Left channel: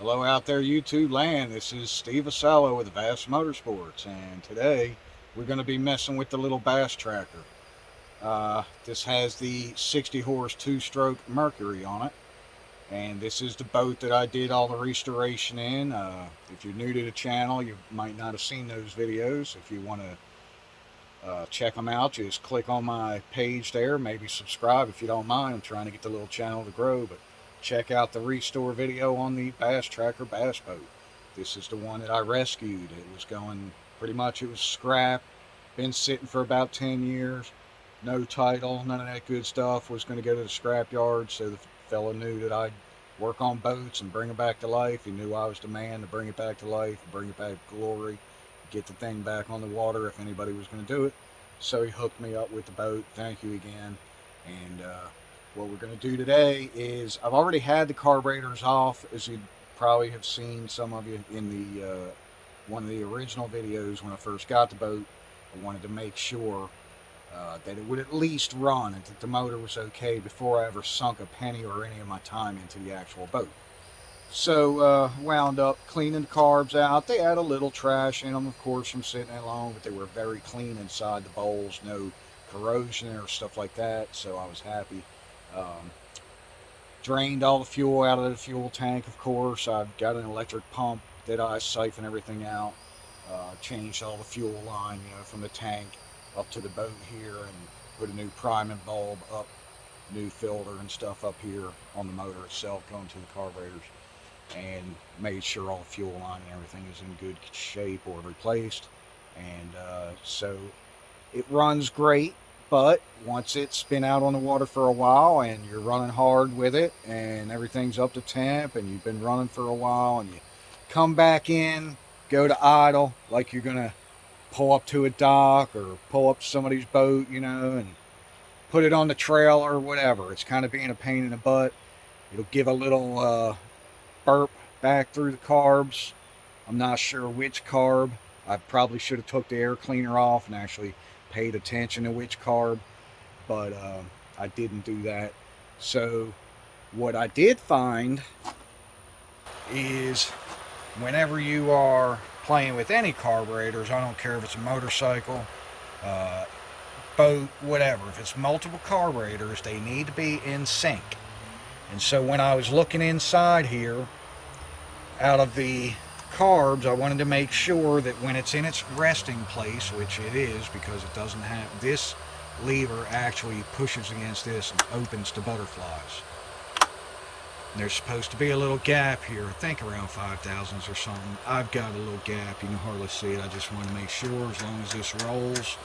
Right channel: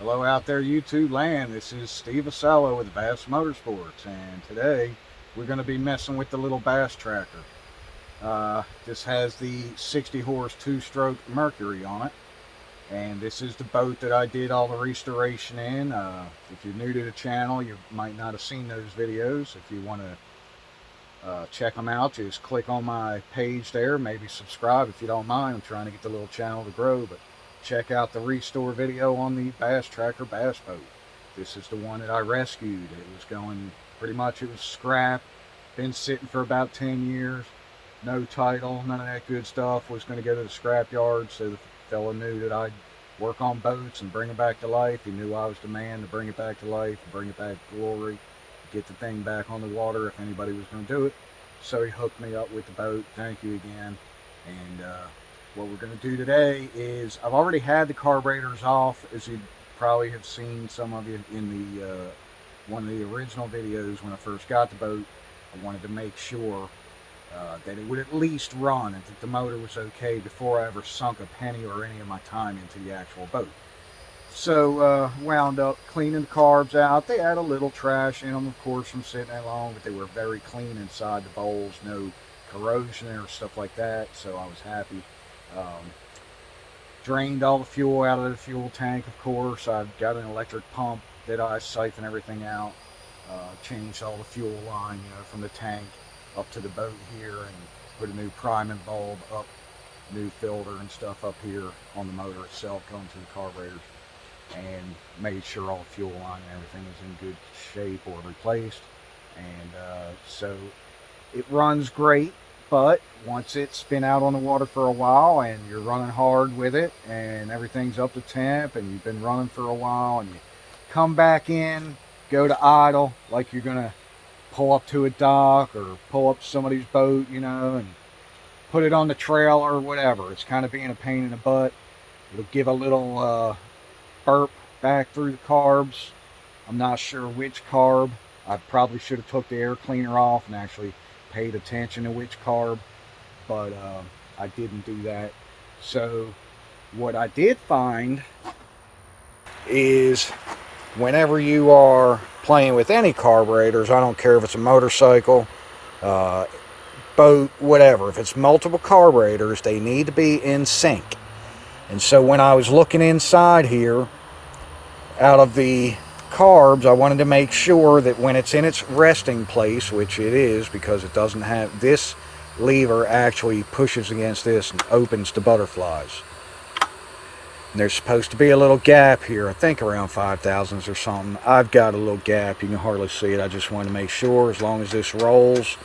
Hello out there, YouTube land. This is Steve Asello with Bass Motorsports, and today we're going to be messing with the little bass tracker. This has the 60 horse two-stroke Mercury on it, and this is the boat that I did all the restoration in. If you're new to the channel, you might not have seen those videos. If you want to check them out, just click on my page there. Maybe subscribe if you don't mind. I'm trying to get the little channel to grow, but check out the restore video on the bass tracker bass boat. This is the one that I rescued. It was going pretty much, it was scrap, been sitting for about 10 years, no title, none of that good stuff. Was going to go to the scrap yard, so the fella knew that I'd work on boats and bring it back to life. He knew I was the man to bring it back to life, bring it back to glory, get the thing back on the water if anybody was going to do it. So he hooked me up with the boat. Thank you again. And what we're going to do today is, I've already had the carburetors off, as you probably have seen some of you in the one of the original videos when I first got the boat. I wanted to make sure that it would at least run and that the motor was okay before I ever sunk a penny or any of my time into the actual boat. So wound up cleaning the carbs out. They had a little trash in them, of course, from sitting that long, but they were very clean inside the bowls, no corrosion or stuff like that, so I was happy. Drained all the fuel out of the fuel tank, of course. I've got an electric pump that I siphon everything out. Changed all the fuel line, from the tank up to the boat here, and put a new priming bulb up, new filter and stuff up here on the motor itself going to the carburetors, and made sure all the fuel line and everything is in good shape or replaced. And so it runs great, but once it's been out on the water for a while and you're running hard with it and everything's up to temp and you've been running for a while and you come back in, go to idle, like you're gonna pull up to a dock or pull up to somebody's boat, and put it on the trail or whatever, it's kind of being a pain in the butt. It'll give a little burp back through the carbs. I'm not sure which carb. I probably should have took the air cleaner off and actually paid attention to which carb, but I didn't do that. So what I did find is, whenever you are playing with any carburetors, I don't care if it's a motorcycle, boat, whatever, if it's multiple carburetors, they need to be in sync. And so when I was looking inside here, out of the carbs, I wanted to make sure that when it's in its resting place, which it is, because it doesn't have, this lever actually pushes against this and opens the butterflies. And there's supposed to be a little gap here, I think around 5 thousandths or something. I've got a little gap, you can hardly see it. I just wanted to make sure, as long as this rolls,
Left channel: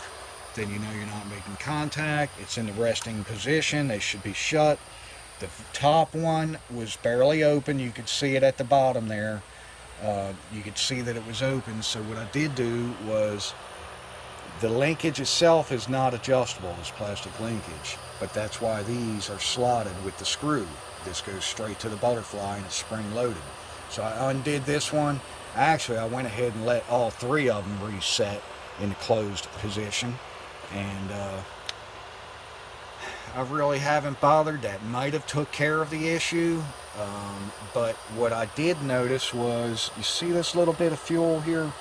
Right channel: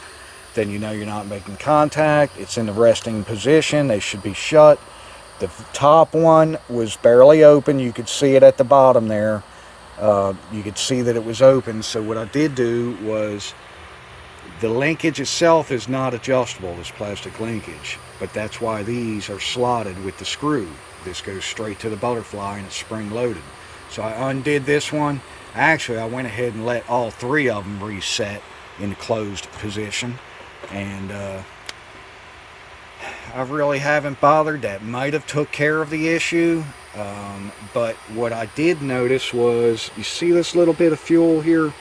then you know you're not making contact. It's in the resting position, they should be shut. The top one was barely open, you could see it at the bottom there. You could see that it was open. So what I did do was, the linkage itself is not adjustable, this plastic linkage, but that's why these are slotted with the screw. This goes straight to the butterfly and it's spring loaded. So I undid this one. Actually, I went ahead and let all three of them reset in the closed position, and I really haven't bothered. That might have took care of the issue. But what I did notice was, you see this little bit of fuel here?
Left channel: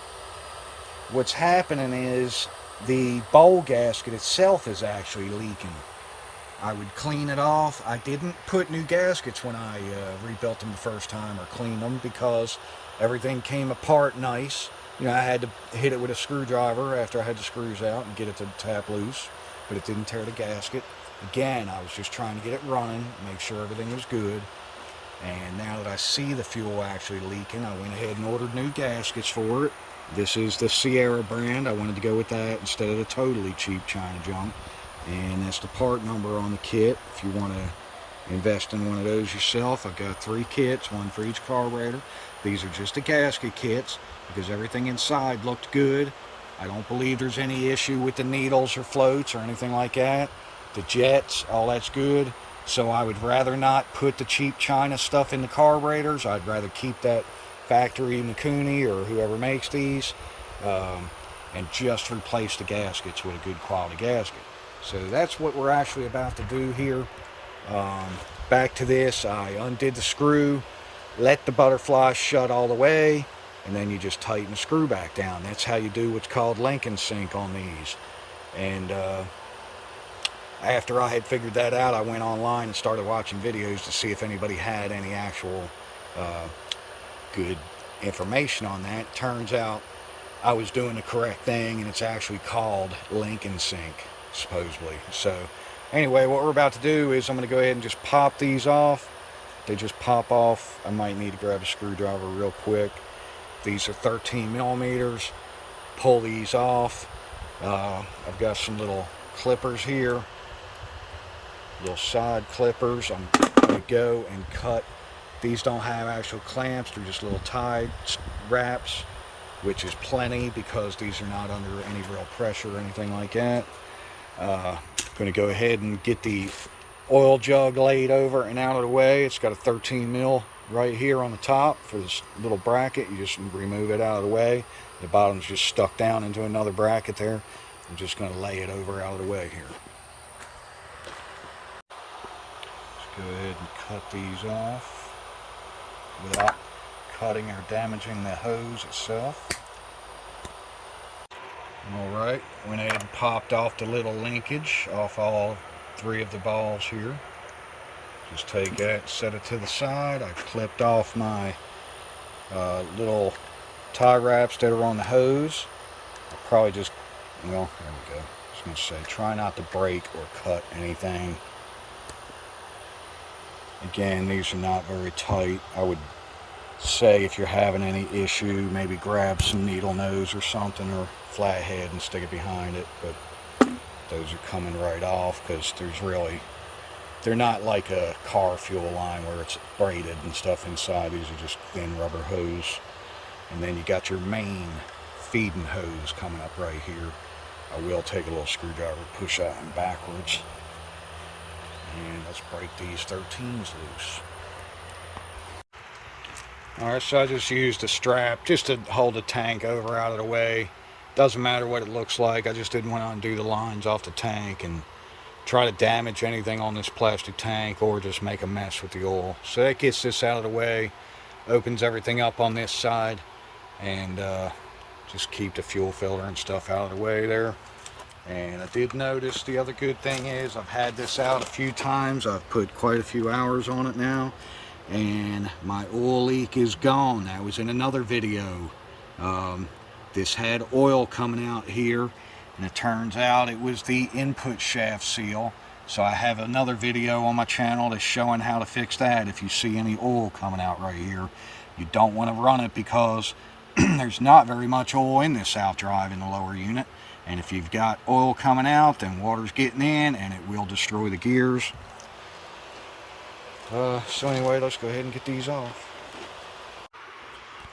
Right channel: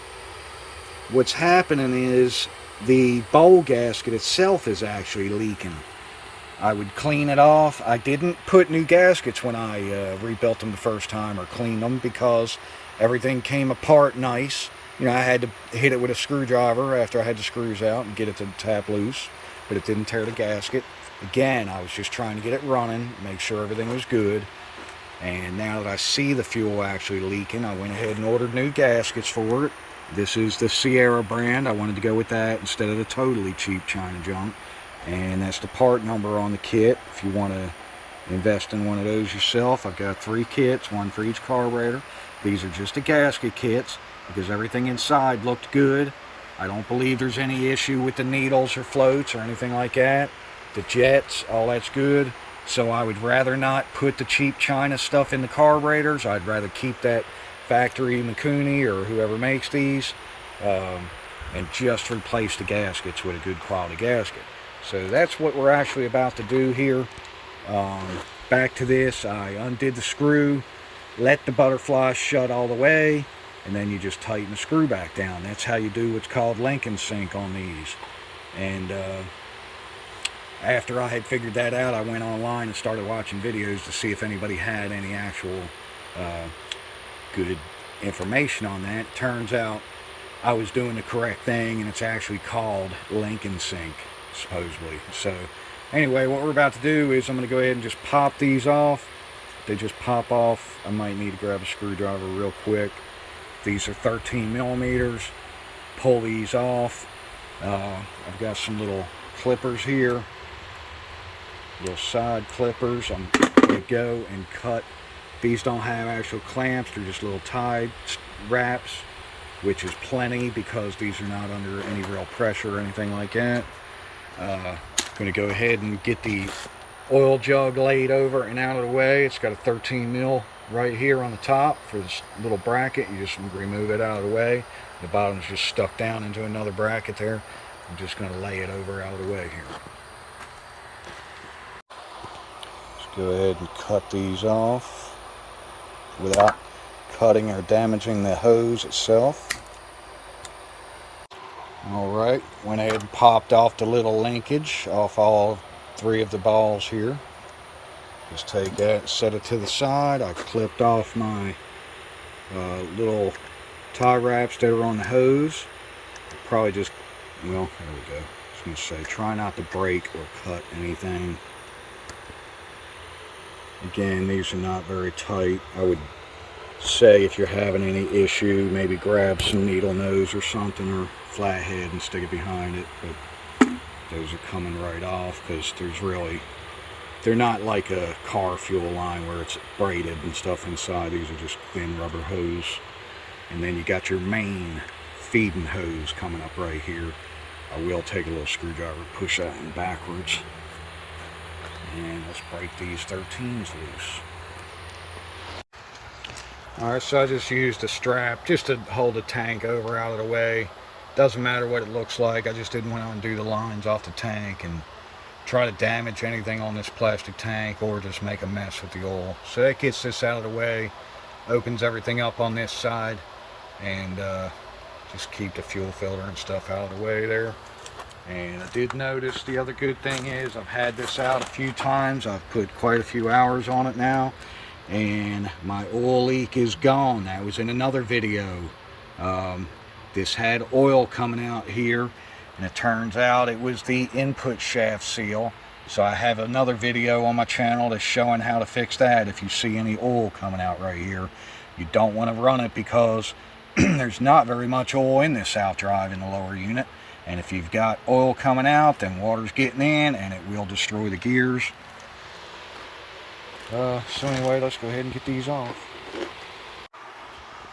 What's happening is the bowl gasket itself is actually leaking. I would clean it off. I didn't put new gaskets when I rebuilt them the first time, or cleaned them, because everything came apart nice. I had to hit it with a screwdriver after I had the screws out and get it to tap loose, but it didn't tear the gasket. Again, I was just trying to get it running, make sure everything was good. And now that I see the fuel actually leaking, I went ahead and ordered new gaskets for it. This is the Sierra brand. I wanted to go with that instead of the totally cheap China junk. And that's the part number on the kit if you want to invest in one of those yourself. I've got 3 kits, one for each carburetor. These are just the gasket kits because everything inside looked good. I don't believe there's any issue with the needles or floats or anything like that. The jets, all that's good. So I would rather not put the cheap China stuff in the carburetors. I'd rather keep that factory Mikuni or whoever makes these, and just replace the gaskets with a good quality gasket. So that's what we're actually about to do here. Back to this, I undid the screw. let the butterfly shut all the way, and then you just tighten the screw back down. That's how you do what's called link and sync on these. And after I had figured that out, I went online and started watching videos to see if anybody had any actual good information on that. It turns out I was doing the correct thing, and it's actually called link and sync, supposedly. So anyway, what we're about to do is I'm going to go ahead and just pop these off. They just pop off. I might need to grab a screwdriver real quick. These are 13 millimeters. Pull these off. I've got some little clippers here, little side clippers. I'm going to go and cut. These don't have actual clamps, they're just little tie wraps, which is plenty because these are not under any real pressure or anything like that. Going to go ahead and get the oil jug laid over and out of the way. It's got a 13 mil right here on the top for this little bracket. You just remove it out of the way. The bottom's just stuck down into another bracket there. I'm just going to lay it over out of the way here. Let's go ahead and cut these off without cutting or damaging the hose itself. Alright, went ahead and popped off the little linkage off all 3 of the balls here. Just take that, set it to the side. I clipped off my little tie wraps that are on the hose. I'll probably just, well, there we go. I was going to say, try not to break or cut anything. Again, these are not very tight. I would say if you're having any issue, maybe grab some needle nose or something, or flathead and stick it behind it. But those are coming right off because they're not like a car fuel line where it's braided and stuff inside. These are just thin rubber hose. And then you got your main feeding hose coming up right here. I will take a little screwdriver, push that one backwards. And let's break these 13s loose. Alright, so I just used a strap just to hold the tank over out of the way. Doesn't matter what it looks like. I just didn't want to undo the lines off the tank and try to damage anything on this plastic tank or just make a mess with the oil. So that gets this out of the way, opens everything up on this side, and just keep the fuel filter and stuff out of the way there. And I did notice the other good thing is I've had this out a few times. I've put quite a few hours on it now, and my oil leak is gone. That was in another video. This had oil coming out here, and it turns out it was the input shaft seal. So I have another video on my channel that's showing how to fix that. If you see any oil coming out right here, you don't want to run it because there's not very much oil in this outdrive in the lower unit. And if you've got oil coming out, then water's getting in and it will destroy the gears. So anyway, let's go ahead and get these off.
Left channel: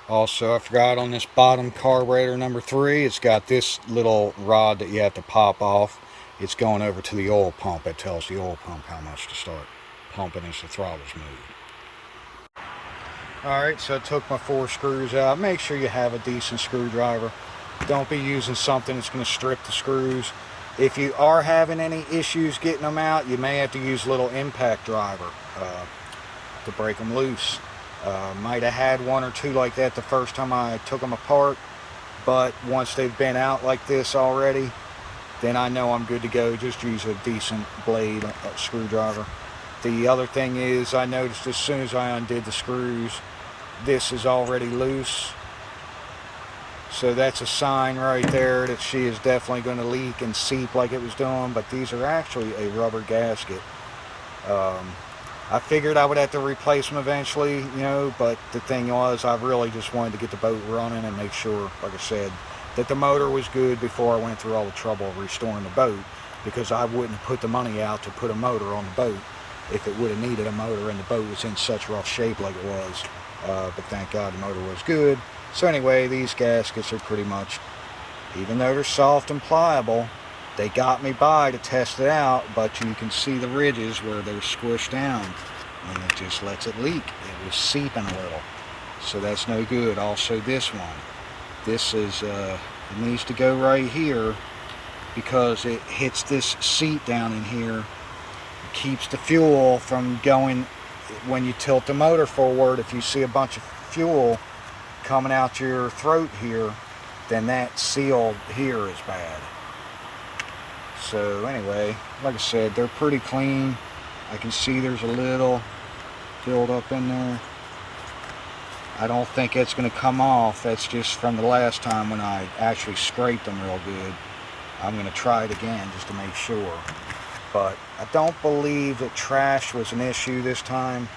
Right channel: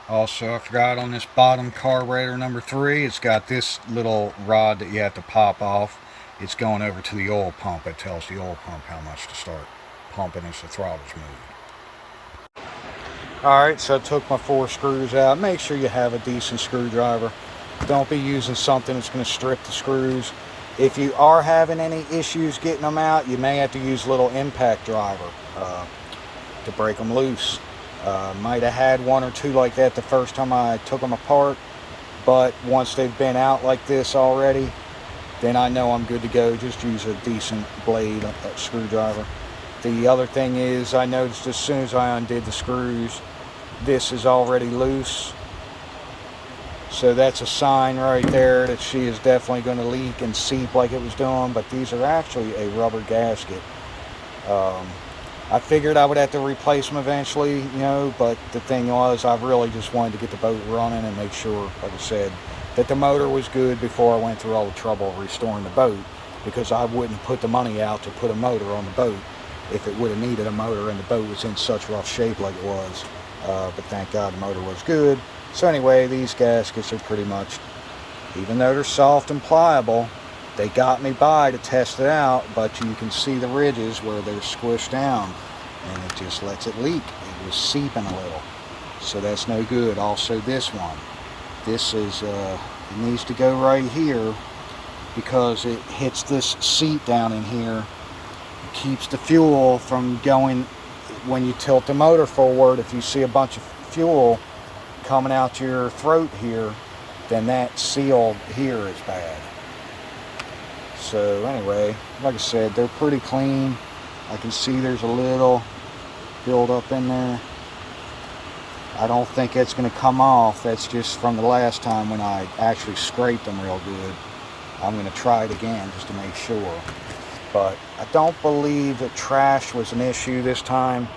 Also, I forgot on this bottom carburetor number 3, it's got this little rod that you have to pop off. It's going over to the oil pump. It tells the oil pump how much to start pumping as the throttle's moving. Alright, so I took my 4 screws out. Make sure you have a decent screwdriver. Don't be using something that's going to strip the screws. If you are having any issues getting them out, you may have to use a little impact driver to break them loose. Might have had 1 or 2 like that the first time I took them apart, but once they've been out like this already, then I know I'm good to go. Just use a decent blade screwdriver. The other thing is, I noticed as soon as I undid the screws, this is already loose. So that's a sign right there that she is definitely going to leak and seep like it was doing, but these are actually a rubber gasket. I figured I would have to replace them eventually, you know, but the thing was, I really just wanted to get the boat running and make sure, like I said, that the motor was good before I went through all the trouble of restoring the boat, because I wouldn't put the money out to put a motor on the boat if it would have needed a motor and the boat was in such rough shape like it was. But thank God the motor was good. So anyway, these gaskets are pretty much, even though they're soft and pliable, they got me by to test it out, but you can see the ridges where they're squished down and it just lets it leak. It was seeping a little, so that's no good. Also this one, this is it needs to go right here because it hits this seat down in here, keeps the fuel from going when you tilt the motor forward, if you see a bunch of fuel coming out your throat here, then that seal here is bad. So anyway, like I said, they're pretty clean. I can see there's a little build up in there. I don't think it's going to come off. That's just from the last time when I actually scraped them real good. I'm going to try it again just to make sure. But I don't believe that trash was an issue this time.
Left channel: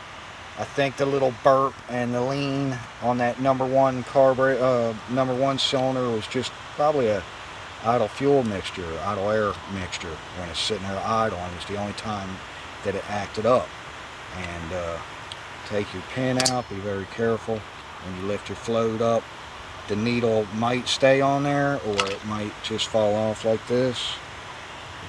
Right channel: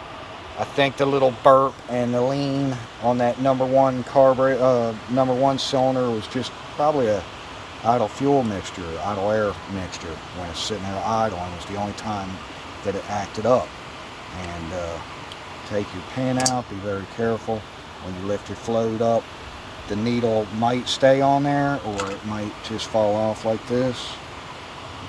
I think the little burp and the lean on that number one cylinder was just probably a idle fuel mixture, idle air mixture. When it's sitting there idling, was the only time that it acted up. And take your pin out, be very careful when you lift your float up. The needle might stay on there, or it might just fall off like this.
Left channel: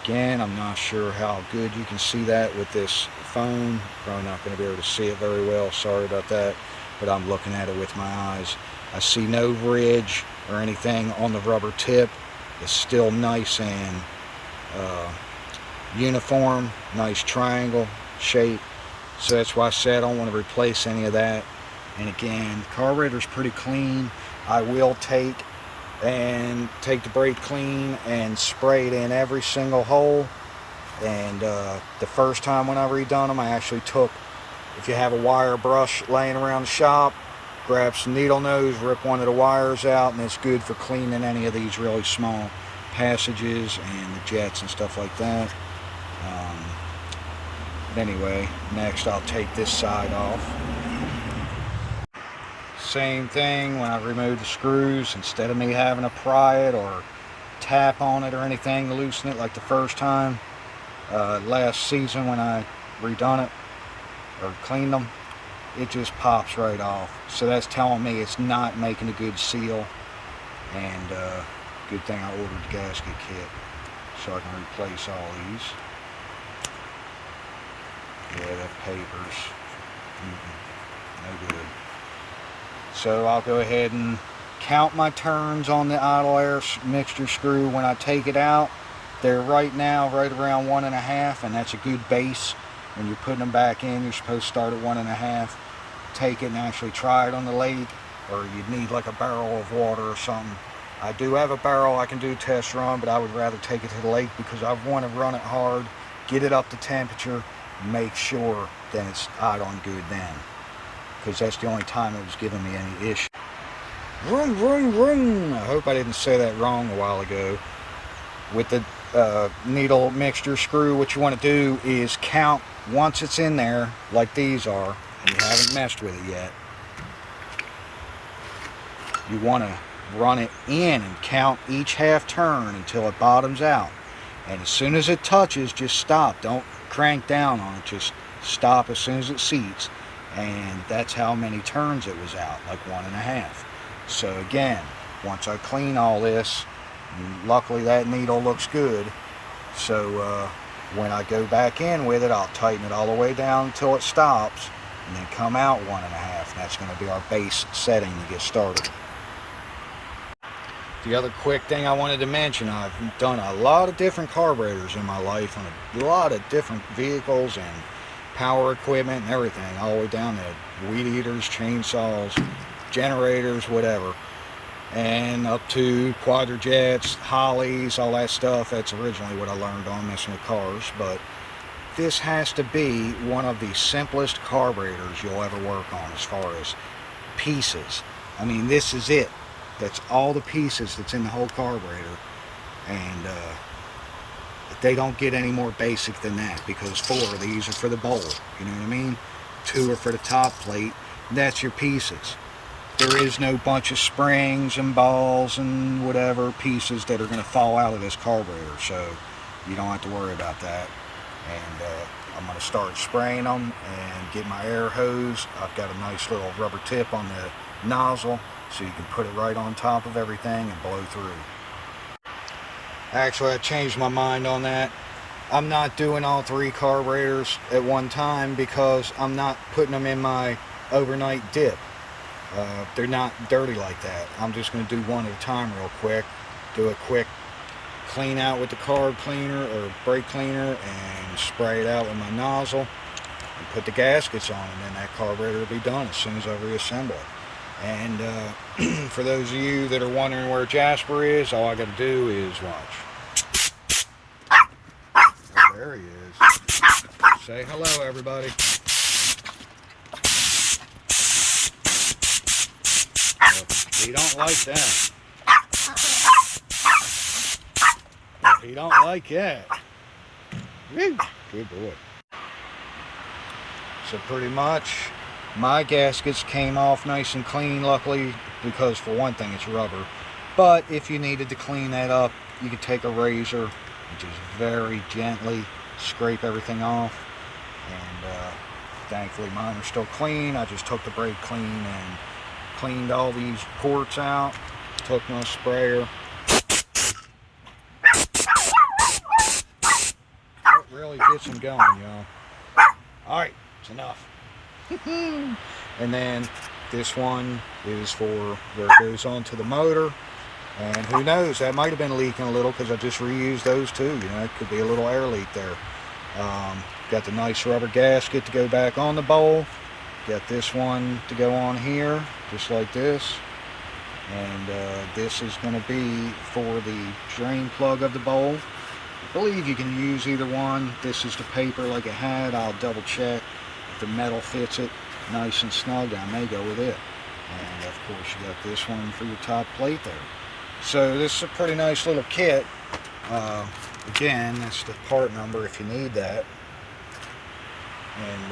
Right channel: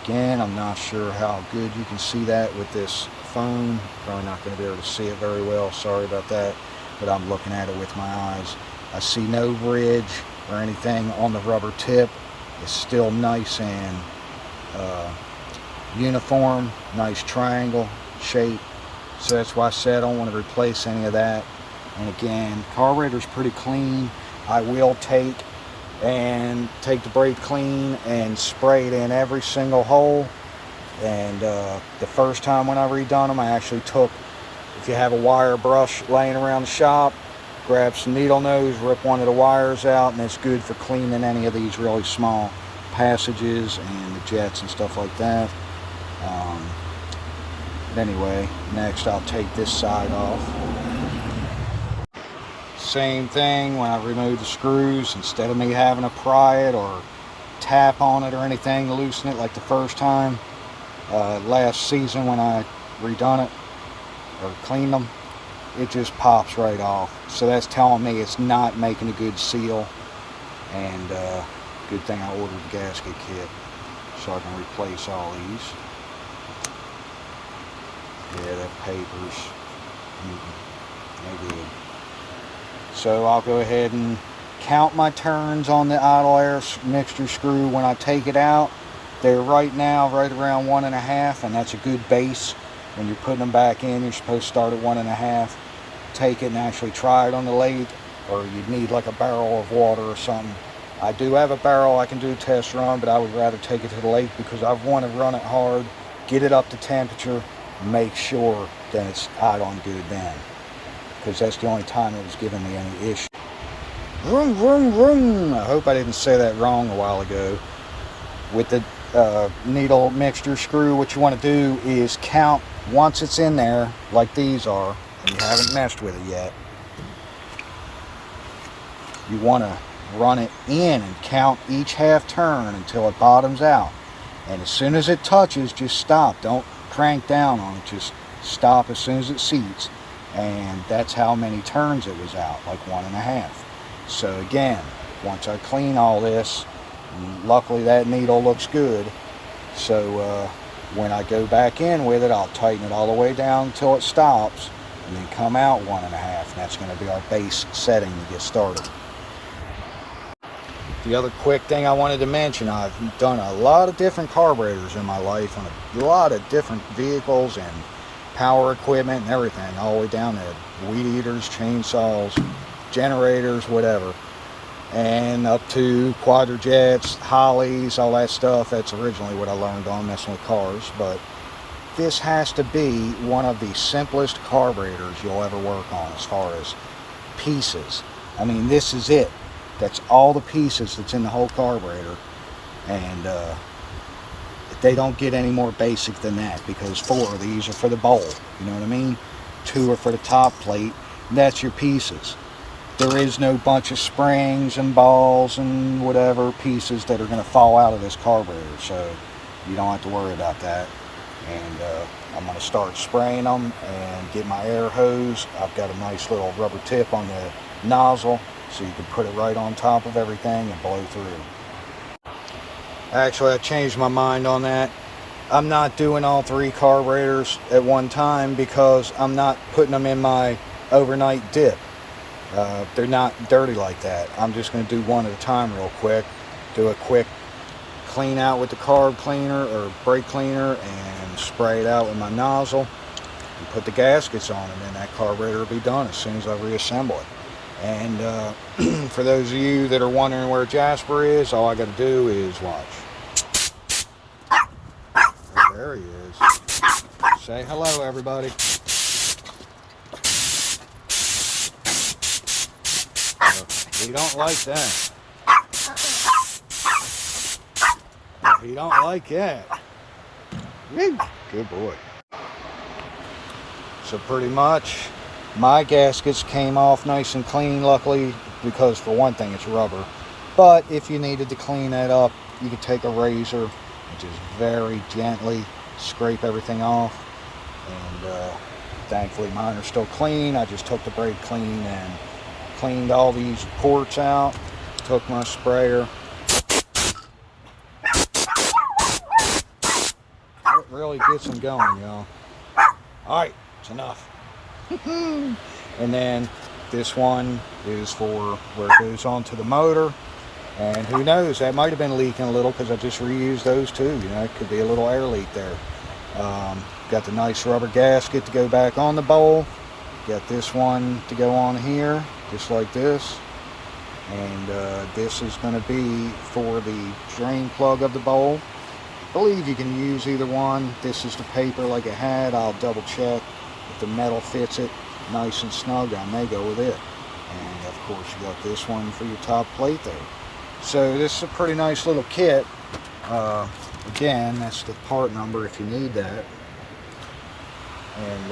Again, I'm not sure how good you can see that with this phone. Probably not going to be able to see it very well, sorry about that, but I'm looking at it with my eyes. I see no ridge or anything on the rubber tip. It's still nice and uniform, nice triangle shape. So that's why I said I don't want to replace any of that. And again, the carburetor's pretty clean. I will take the brake clean and spray it in every single hole. And the first time when I redone them, I actually took, if you have a wire brush laying around the shop, grab some needle nose, rip one of the wires out, and it's good for cleaning any of these really small passages and the jets and stuff like that. But anyway, next I'll take this side off. Same thing when I remove the screws. Instead of me having to pry it or tap on it or anything to loosen it like the first time, last season when I redone it or cleaned them, it just pops right off. So that's telling me it's not making a good seal. And good thing I ordered the gasket kit so I can replace all these. Yeah, that paper's no good. So I'll go ahead and count my turns on the idle air mixture screw when I take it out. They're right now right around 1.5, and that's a good base. When you're putting them back in, you're supposed to start at 1.5. Take it and actually try it on the lake, or you'd need like a barrel of water or something. I do have a barrel I can do test run, but I would rather take it to the lake because I want to run it hard, get it up to temperature, make sure that it's idling good then, because that's the only time it was giving me any issue. Vroom, vroom, vroom. I hope I didn't say that wrong a while ago. With the needle mixture screw, what you want to do is count once it's in there, like these are, and you haven't messed with it yet. You want to run it in and count each half turn until it bottoms out. And as soon as it touches, just stop. Don't crank down on it, just stop as soon as it seats. And that's how many turns it was out, like 1.5. So again, once I clean all this, luckily that needle looks good, so when I go back in with it, I'll tighten it all the way down until it stops, and then come out 1.5, and that's going to be our base setting to get started. The other quick thing I wanted to mention, I've done a lot of different carburetors in my life on a lot of different vehicles and power equipment and everything, all the way down to weed eaters, chainsaws, generators, whatever, and up to quadrajets, Hollies, all that stuff. That's originally what I learned on messing with cars. But this has to be one of the simplest carburetors you'll ever work on as far as pieces. I mean, this is it. That's all the pieces that's in the whole carburetor, and they don't get any more basic than that, because 4 of these are for the bowl, you know what I mean? 2 are for the top plate. That's your pieces. There is no bunch of springs and balls and whatever pieces that are going to fall out of this carburetor, so you don't have to worry about that. And I'm going to start spraying them and get my air hose. I've got a nice little rubber tip on the nozzle, so you can put it right on top of everything and blow through. Actually, I changed my mind on that. I'm not doing all 3 carburetors at one time because I'm not putting them in my overnight dip. They're not dirty like that. I'm just going to do one at a time real quick. Do a quick clean out with the carb cleaner or brake cleaner and spray it out with my nozzle. and put the gaskets on, and then that carburetor will be done as soon as I reassemble it. And for those of you that are wondering where Jasper is, all I got to do is watch. Oh, there he is. Say hello, everybody. He don't like that. He don't like that. Woo. Good boy. So pretty much my gaskets came off nice and clean, luckily, because for one thing it's rubber. But if you needed to clean that up, you could take a razor and just very gently scrape everything off. And thankfully mine are still clean. I just took the brake clean and cleaned all these ports out, took my sprayer. It really gets them going, y'all. Alright, it's enough. And then this one is for where it goes onto the motor. And who knows, that might have been leaking a little because I just reused those too. You know, it could be a little air leak there. Got the nice rubber gasket to go back on the bowl. Got this one to go on here, just like this. And this is going to be for the drain plug of the bowl. I believe you can use either one. This is the paper like it had. I'll double check. If the metal fits it nice and snug, I may go with it. And of course you got this one for your top plate there. So this is a pretty nice little kit. Again, that's the part number if you need that. And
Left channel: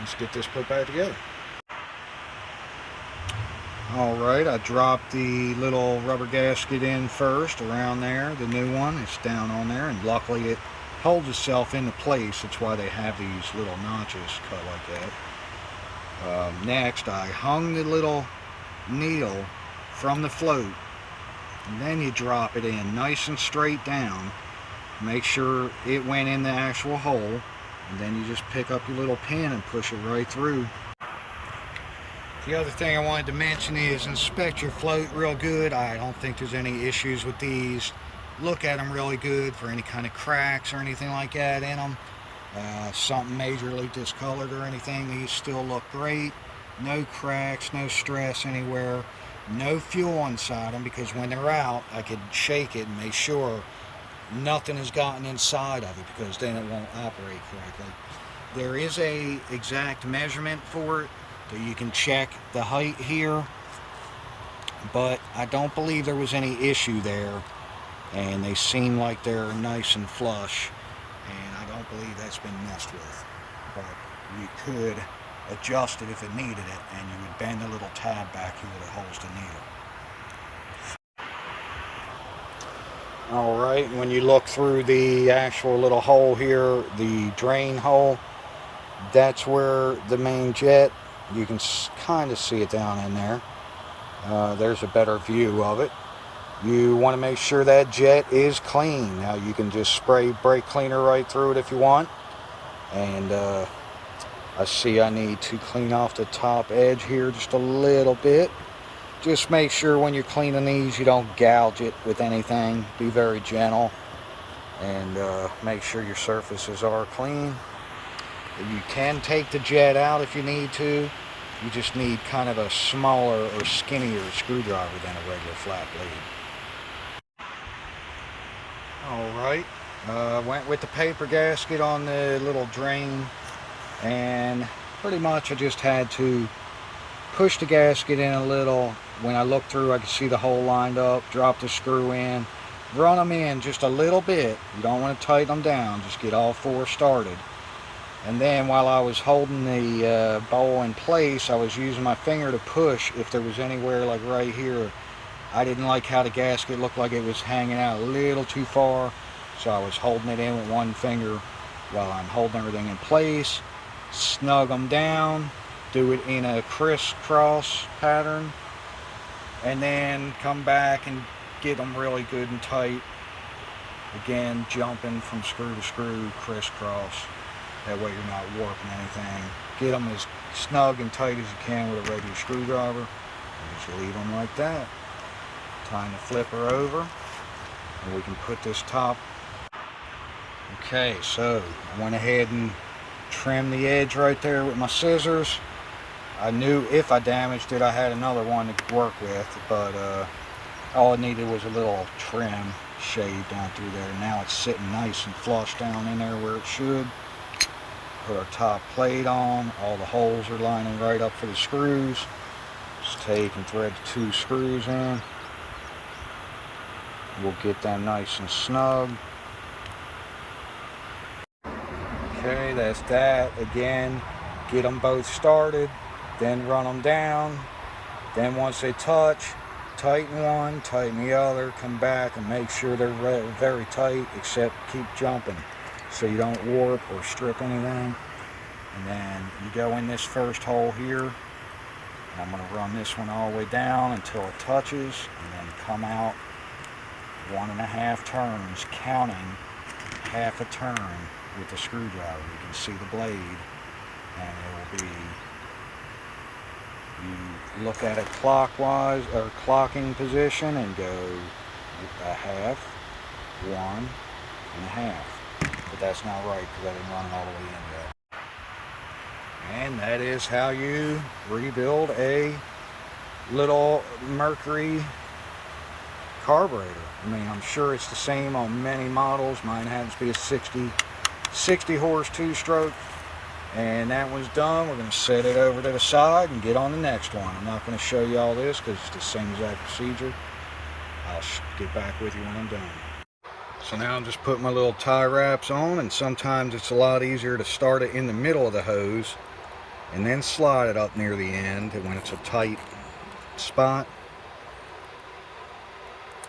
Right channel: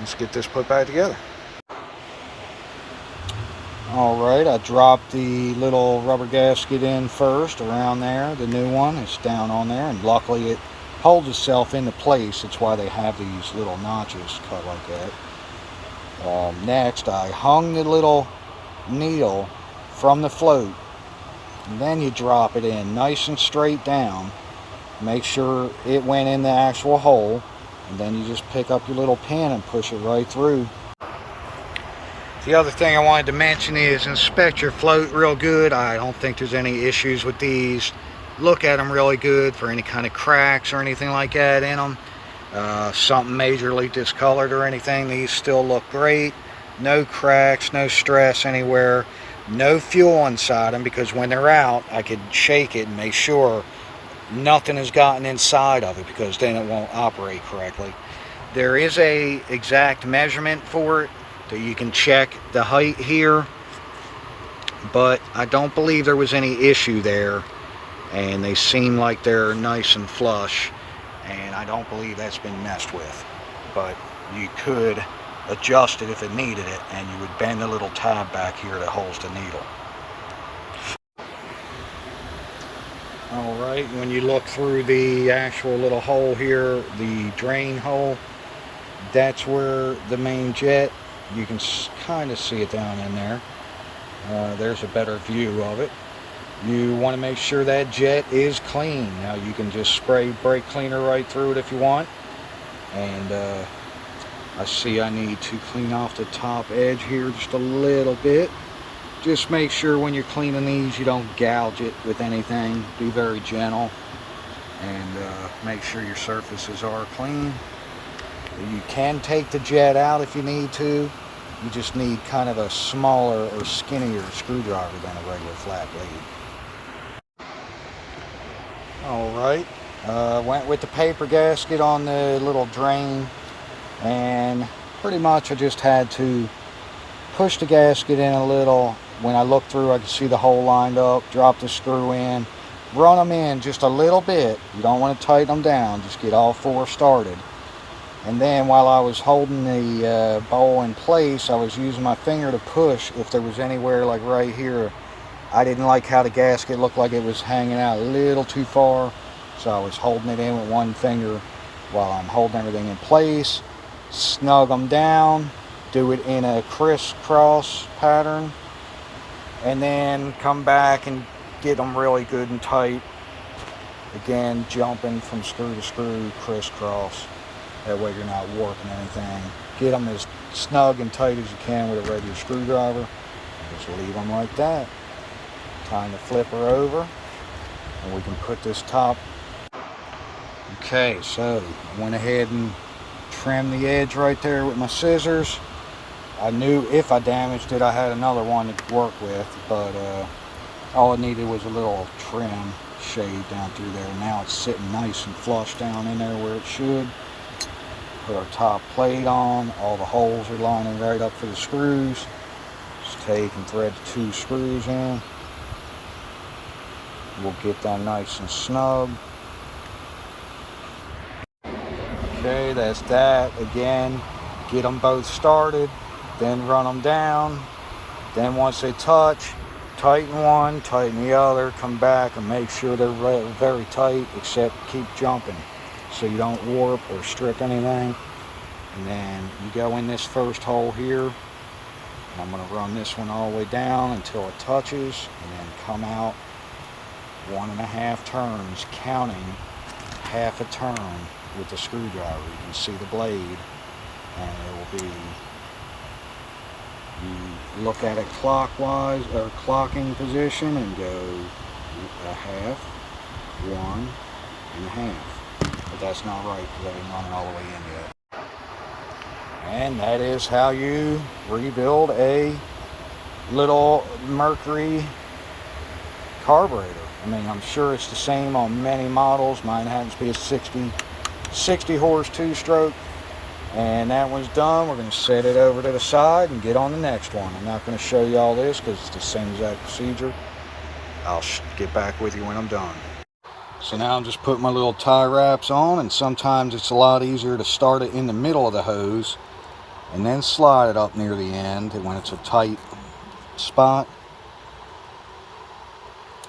let's get this put back together. Alright, I dropped the little rubber gasket in first around there. The new one is down on there, and luckily it holds itself into place. That's why they have these little notches cut like that. Next, I hung the little needle from the float, and then you drop it in nice and straight down. Make sure it went in the actual hole, and then you just pick up your little pin and push it right through. The other thing I wanted to mention is inspect your float real good. I don't think there's any issues with these. Look at them really good for any kind of cracks or anything like that in them. Something majorly discolored or anything, these still look great. No cracks, no stress anywhere. No fuel inside them, because when they're out I could shake it and make sure nothing has gotten inside of it, because then it won't operate correctly. There is a exact measurement for it that you can check the height here, but I don't believe there was any issue there, and they seem like they're nice and flush, and I don't believe that's been messed with. But you could adjust it if it needed it, and you would bend the little tab back here that holds the needle. Alright, when you look through the actual little hole here, the drain hole, that's where the main jet, you can kind of see it down in there. There's a better view of it. You want to make sure that jet is clean. Now you can just spray brake cleaner right through it if you want. And I see I need to clean off the top edge here just a little bit. Just make sure when you're cleaning these you don't gouge it with anything. Be very gentle, and make sure your surfaces are clean. You can take the jet out if you need to. You just need kind of a smaller or skinnier screwdriver than a regular flat blade. Alright, went with the paper gasket on the little drain, and pretty much I just had to push the gasket in a little. When I looked through I could see the hole lined up, drop the screw in, run them in just a little bit. You don't want to tighten them down, just get all four started. And then while I was holding the bowl in place, I was using my finger to push if there was anywhere, like right here. I didn't like how the gasket looked like it was hanging out a little too far, so I was holding it in with one finger while I'm holding everything in place. Snug them down, do it in a crisscross pattern, and then come back and get them really good and tight. Again, jumping from screw to screw, crisscross. That way you're not warping anything. Get them as snug and tight as you can with a regular screwdriver, and just leave them like that. Time to flip her over, and we can put this top. Okay, so I went ahead and trim the edge right there with my scissors. I knew if I damaged it, I had another one to work with, but all it needed was a little trim shade down through there. Now it's sitting nice and flush down in there where it should. Put our top plate on. All the holes are lining right up for the screws. Just take and thread the 2 screws in. We'll get them nice and snug. Okay, that's that. Again, get them both started, then run them down. Then once they touch, tighten one, tighten the other, come back and make sure they're very tight, except keep jumping so you don't warp or strip anything. And then you go in this first hole here, and I'm going to run this one all the way down until it touches, and then come out 1.5 turns, counting half a turn with the screwdriver. You can see the blade, and it will be, you look at it clockwise or clocking position and go 1/2, 1.5. But that's not right because I didn't run it all the way in yet. And that is how you rebuild a little Mercury carburetor. I mean, I'm sure it's the same on many models. Mine happens to be a 60 horse 2-stroke. And that one's done. We're going to set it over to the side and get on the next one. I'm not going to show you all this because it's the same exact procedure. I'll get back with you when I'm done. So now I'm just putting my little tie wraps on, and sometimes it's a lot easier to start it in the middle of the hose and then slide it up near the end when it's a tight spot,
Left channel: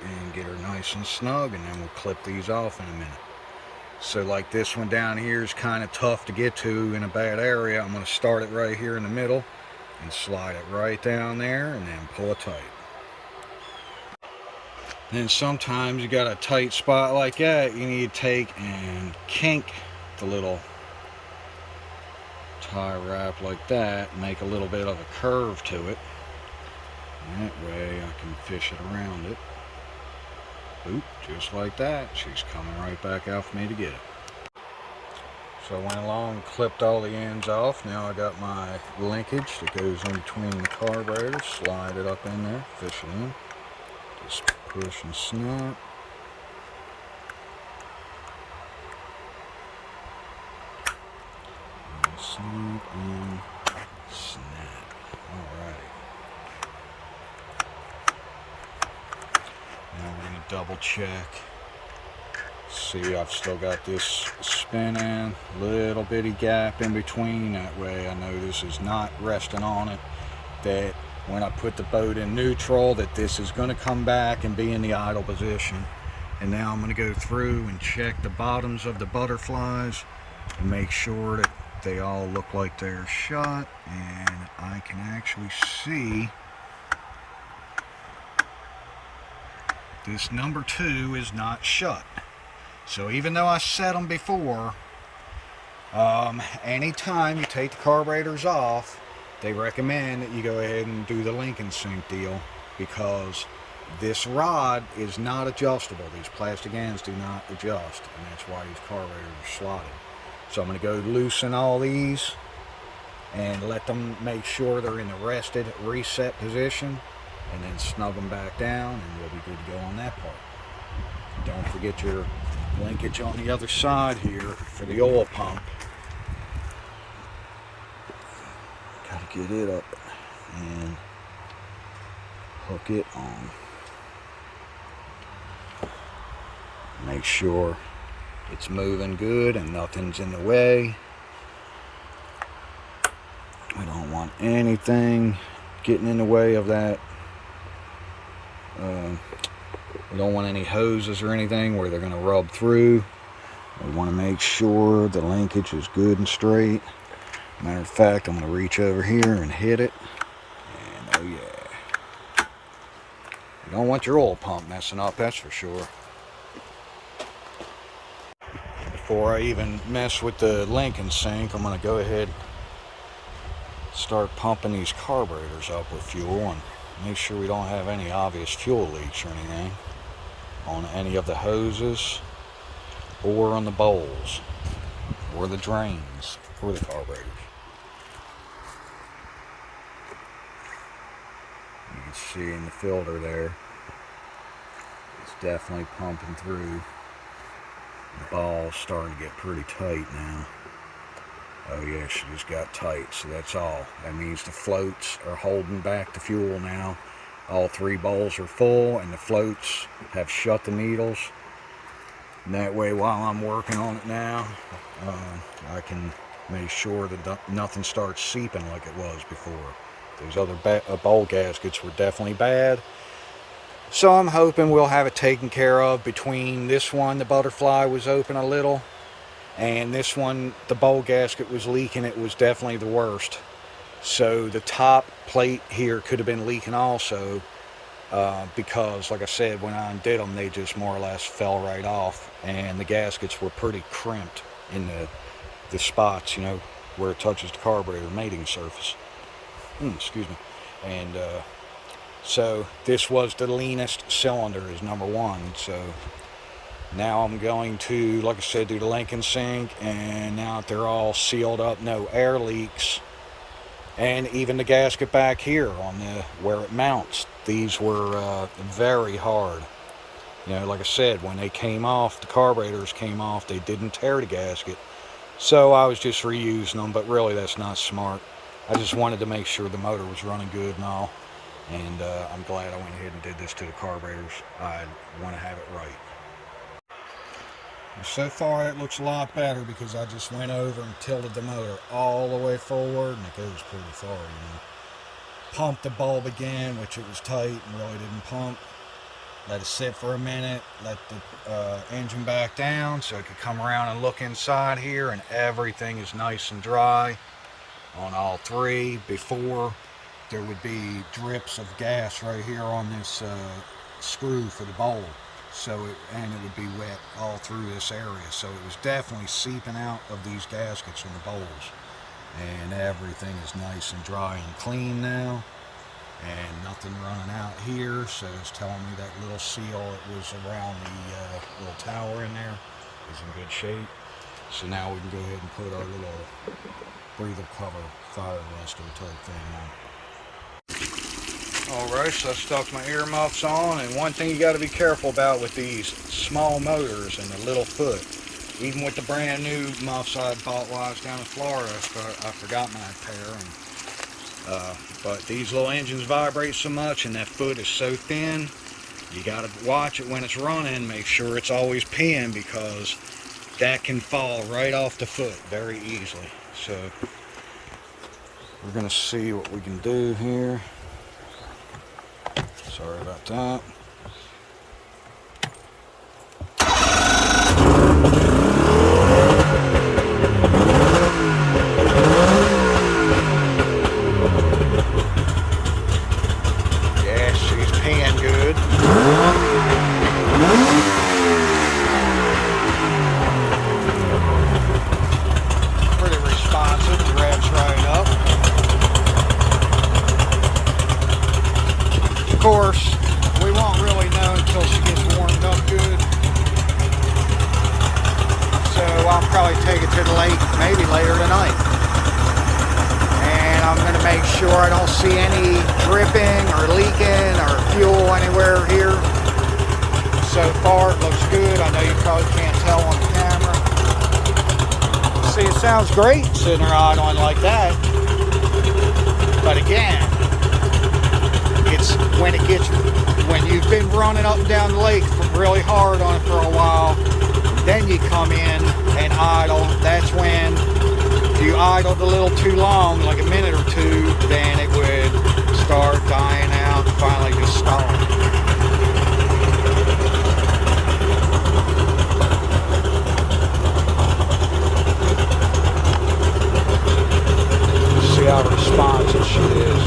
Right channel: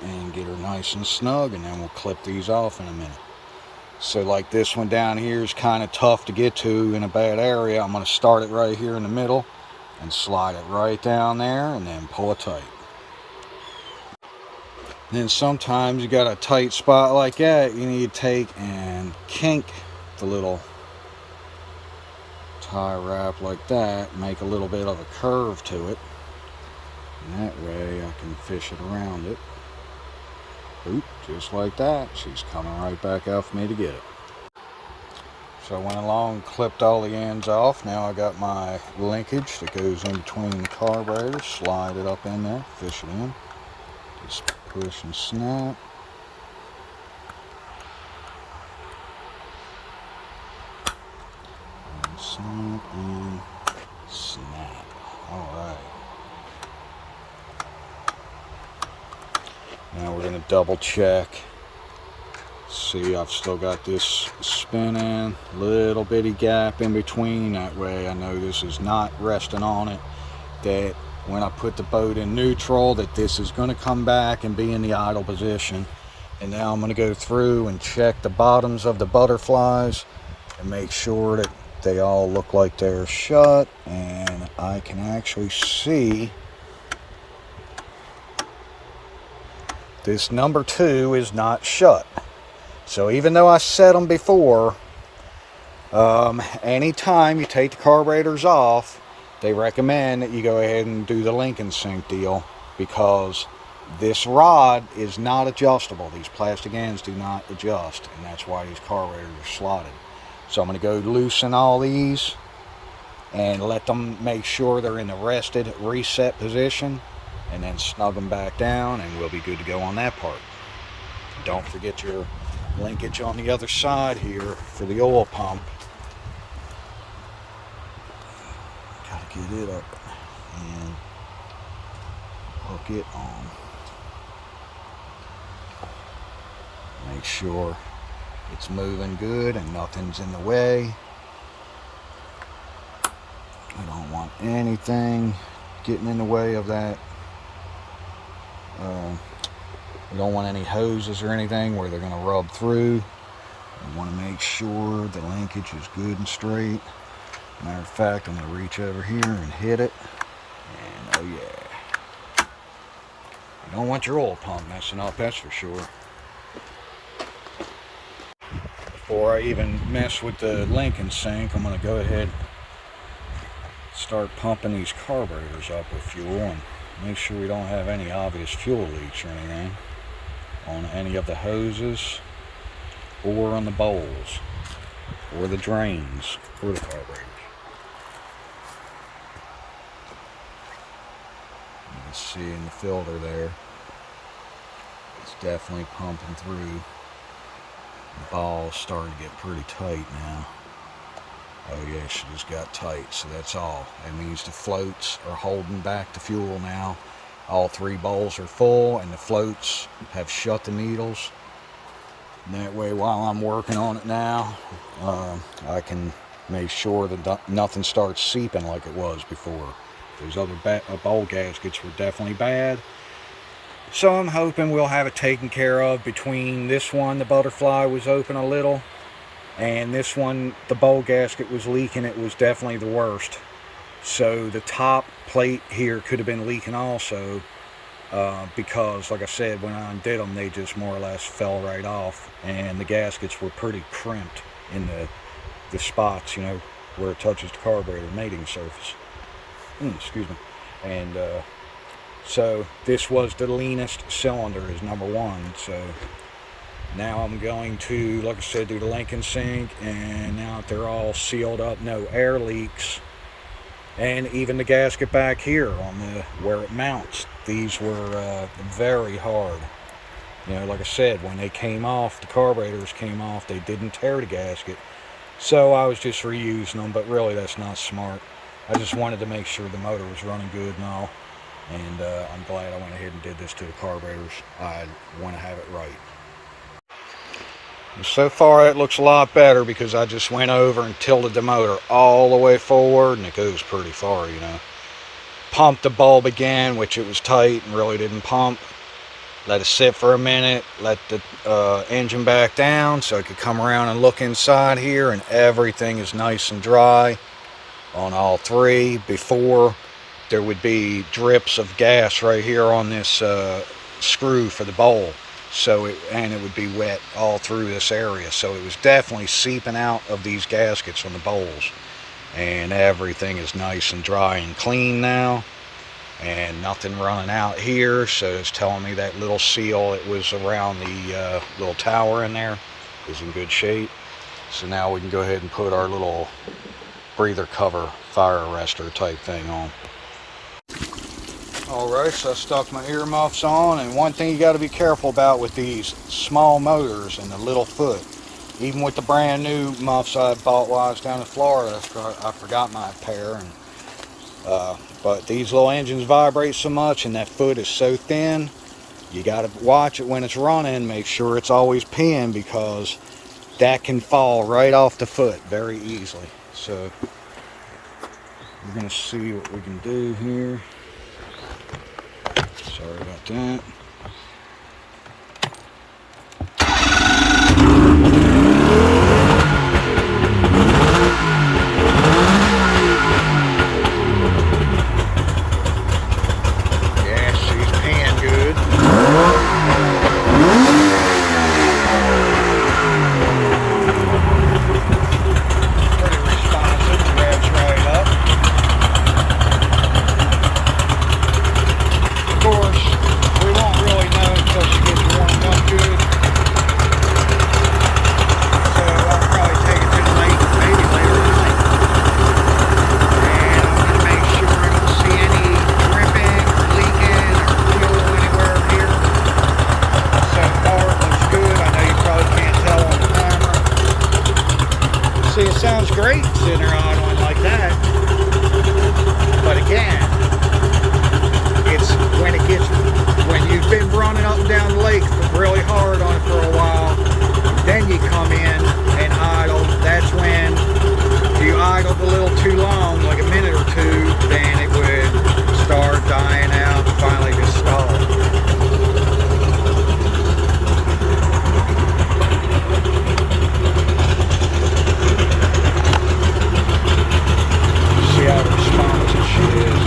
and get her nice and snug, and then we'll clip these off in a minute. So like this one down here is kind of tough to get to in a bad area. I'm going to start it right here in the middle and slide it right down there and then pull it tight. Then sometimes you got a tight spot like that, you need to take and kink the little tie wrap like that, make a little bit of a curve to it, and that way I can fish it around it. Oop, just like that. She's coming right back out for me to get it. So I went along and clipped all the ends off. Now I got my linkage that goes in between the carburetors. Slide it up in there, fish it in. Just push and snap. And snap and snap. Alright. Now we're going to double check. See, I've still got this spinning, little bitty gap in between. That way I know this is not resting on it. That when I put the boat in neutral, that this is going to come back and be in the idle position. And now I'm going to go through and check the bottoms of the butterflies and make sure that they all look like they're shut. And I can actually see this number 2 is not shut. So even though I set them before, anytime you take the carburetors off, they recommend that you go ahead and do the link and sync deal, because this rod is not adjustable. These plastic ends do not adjust, and that's why these carburetors are slotted. So I'm going to go loosen all these and let them make sure they're in the rested reset position, and then snug them back down, and we'll be good to go on that part. Don't forget your linkage on the other side here for the oil pump. Gotta get it up and hook it on. Make sure it's moving good and nothing's in the way. I don't want anything getting in the way of that. We don't want any hoses or anything where they're going to rub through. We want to make sure the linkage is good and straight. Matter of fact, I'm going to reach over here and hit it. And oh yeah. You don't want your oil pump messing up, that's for sure. Before I even mess with the link and sync, I'm going to go ahead and start pumping these carburetors up with fuel and make sure we don't have any obvious fuel leaks or anything on any of the hoses or on the bowls. or the drains for the carburetors. You can see in the filter there, it's definitely pumping through. The ball's starting to get pretty tight now. Oh yeah, she just got tight, so that's all. That means the floats are holding back the fuel now. All 3 bowls are full and the floats have shut the needles. And that way, while I'm working on it now, I can make sure that nothing starts seeping like it was before. Those other bowl gaskets were definitely bad. So I'm hoping we'll have it taken care of. Between this one, the butterfly was open a little, and this one, the bowl gasket was leaking. It was definitely the worst. So the top plate here could have been leaking also, because like I said, when I undid them, they just more or less fell right off, and the gaskets were pretty crimped in the spots, you know, where it touches the carburetor mating surface. Excuse me. And so this was the leanest cylinder, is number 1. So now I'm going to, like I said, do the link and sync, and now that they're all sealed up, no air leaks, and even the gasket back here on the where it mounts, these were very hard. You know, like I said, when they came off, the carburetors came off, they didn't tear the gasket, so I was just reusing them. But really, that's not smart. I just wanted to make sure the motor was running good and all, and I'm glad I went ahead and did this to the carburetors. I want to have it right. So far it looks a lot better, because I just went over and tilted the motor all the way forward, and it goes pretty far, you know. Pumped the bulb again, which it was tight and really didn't pump. Let it sit for a minute, let the engine back down so I could come around and look inside here, and everything is nice and dry on all 3. Before, there would be drips of gas right here on this screw for the bowl. So it would be wet all through this area, so it was definitely seeping out of these gaskets on the bowls, and everything is nice and dry and clean now, and nothing running out here. So it's telling me that little seal it was around the little tower in there is in good shape. So now we can go ahead and put our little breather cover fire arrestor type thing on. Alright, so I stuck my earmuffs on, and one thing you got to be careful about with these small motors and the little foot, even with the brand new muffs I bought while I was down in Florida, I forgot my pair, and but these little engines vibrate so much and that foot is so thin, you got to watch it when it's running, make sure it's always pinned, because that can fall right off the foot very easily. So we're going to see what we can do here. Sorry about that. Yeah, she's pan good. Pretty responsive, revs right up. Of course, we won't really know until she gets warmed up good. So I'll probably take it to the lake maybe later tonight. And I'm going to make sure I don't see any dripping or leaking or fuel anywhere here. So far it looks good. I know you probably can't tell on the camera. See, it sounds great sitting there idling like that. But again, it's when you've been running up and down the lake really hard on it for a while, then you come in and idle. That's when, if you idled a little too long, like a minute or two, then it would start dying out and finally just stall. See how responsive she is.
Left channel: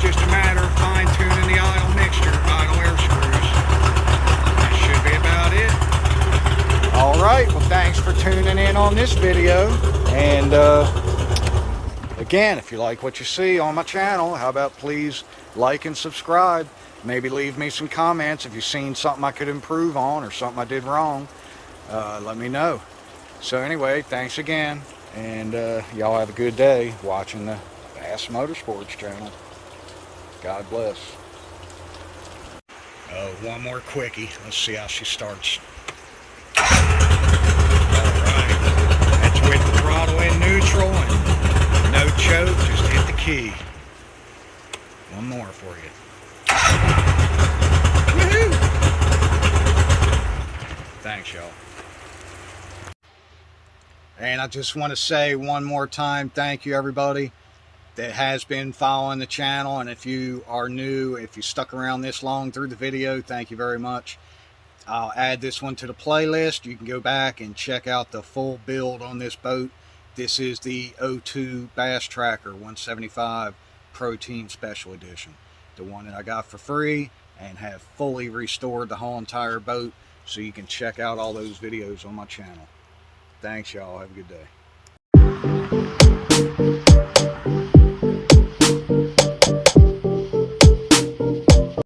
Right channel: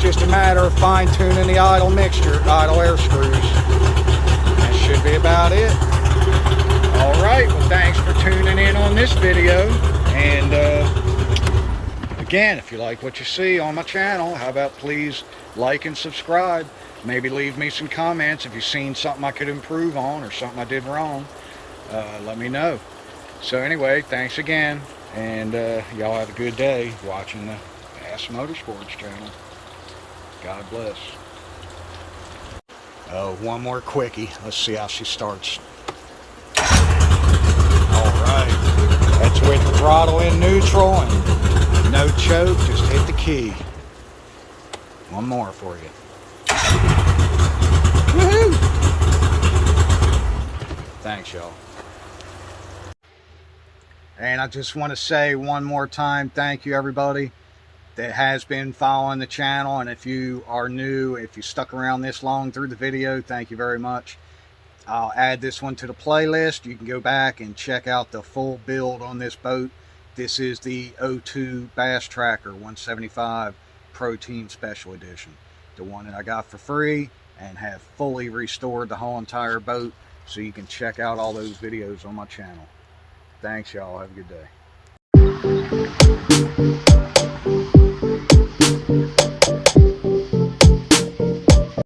Just a matter of fine-tuning the idle mixture, idle air screws. That should be about it. right, well, thanks for tuning in on this video. And again, if you like what you see on my channel, how about please like and subscribe. Maybe leave me some comments if you've seen something I could improve on or something I did wrong. Let me know. So anyway, thanks again, and y'all have a good day watching the Bass Motorsports channel. God bless. Oh, one more quickie. Let's see how she starts. Alright, that's with the throttle in neutral and no choke, just hit the key. One more for you. Woohoo! Thanks, y'all. And I just want to say one more time, thank you everybody that has been following the channel. And if you are new, if you stuck around this long through the video, thank you very much. I'll add this one to the playlist. You can go back and check out the full build on this boat. This is the 02 Bass Tracker 175 Pro Team Special Edition. The one that I got for free and have fully restored the whole entire boat, so you can check out all those videos on my channel. Thanks, y'all. Have a good day.